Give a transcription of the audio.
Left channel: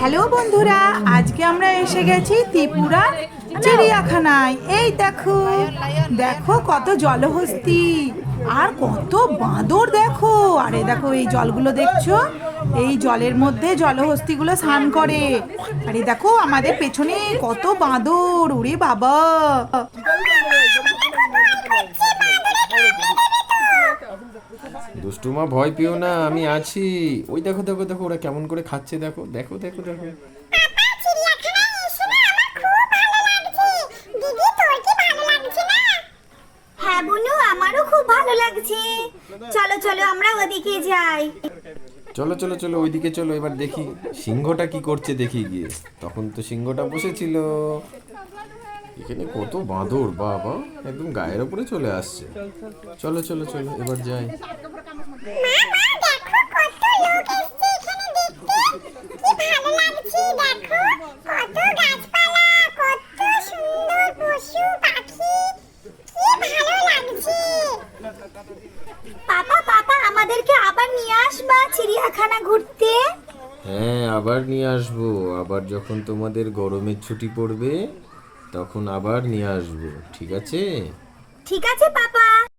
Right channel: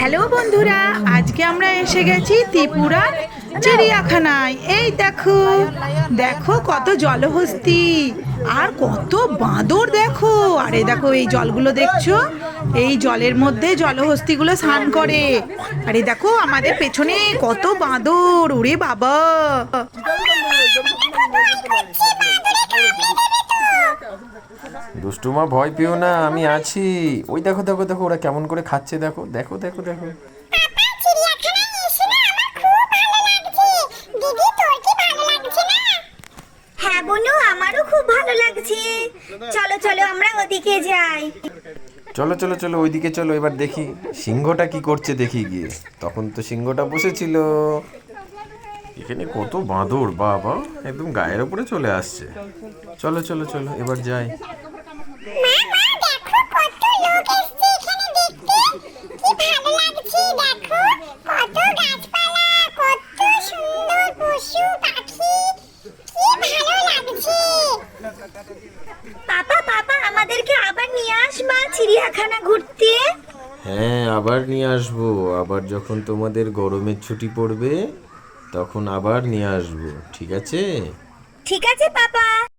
Hello বন্ধুরা, আজকে আমরা এসে গেছি ত্রিপুরার চিড়িয়াখানায়। এই দেখো দেখো কত জলহস্তী আর কত বাঁদর দেখো। আর এই দেখো এই জলগুলো দেখছো, এই জলের মধ্যে জলহস্তিগুলো স্নান করে। আর এই দেখো আমাদের পেছনে কত বাঁদর, ওরে বাবা। দুষ্টুমা ভয় পেও না, আমি আছি। ওই দেখো দেখো দেখো ওরা কেমন করে খাচ্ছে, দেখো দেখো দেখো দেখো। হ্যাঁ বনু, আমারও খুব ভালো লাগছে। চলো চলো আমরা ওদিকে যাই। চলো চলো চলো ওইদিকে চলো, এবার দেখি সিংহটা কি করছে, দেখি গিয়ে। তখন তো সিংহটা বসেছিল। এখানে কত বাঁদর, বাবা একদম গায়ের উপরে চলে আসছে। চলো চলো চলো এবার যাই। পাপা পাপা, আমাদেরকে আবার নিয়ে আসবা চিড়িয়াখানা ঘুরতে। হ্যাঁ আবার নিয়ে আসবো, আবার যখন তোমাদের গরমের ছুটি পড়বে তখন আবার নিয়ে আসবো, ঠিক আছে? ঠিক আছে পাপা।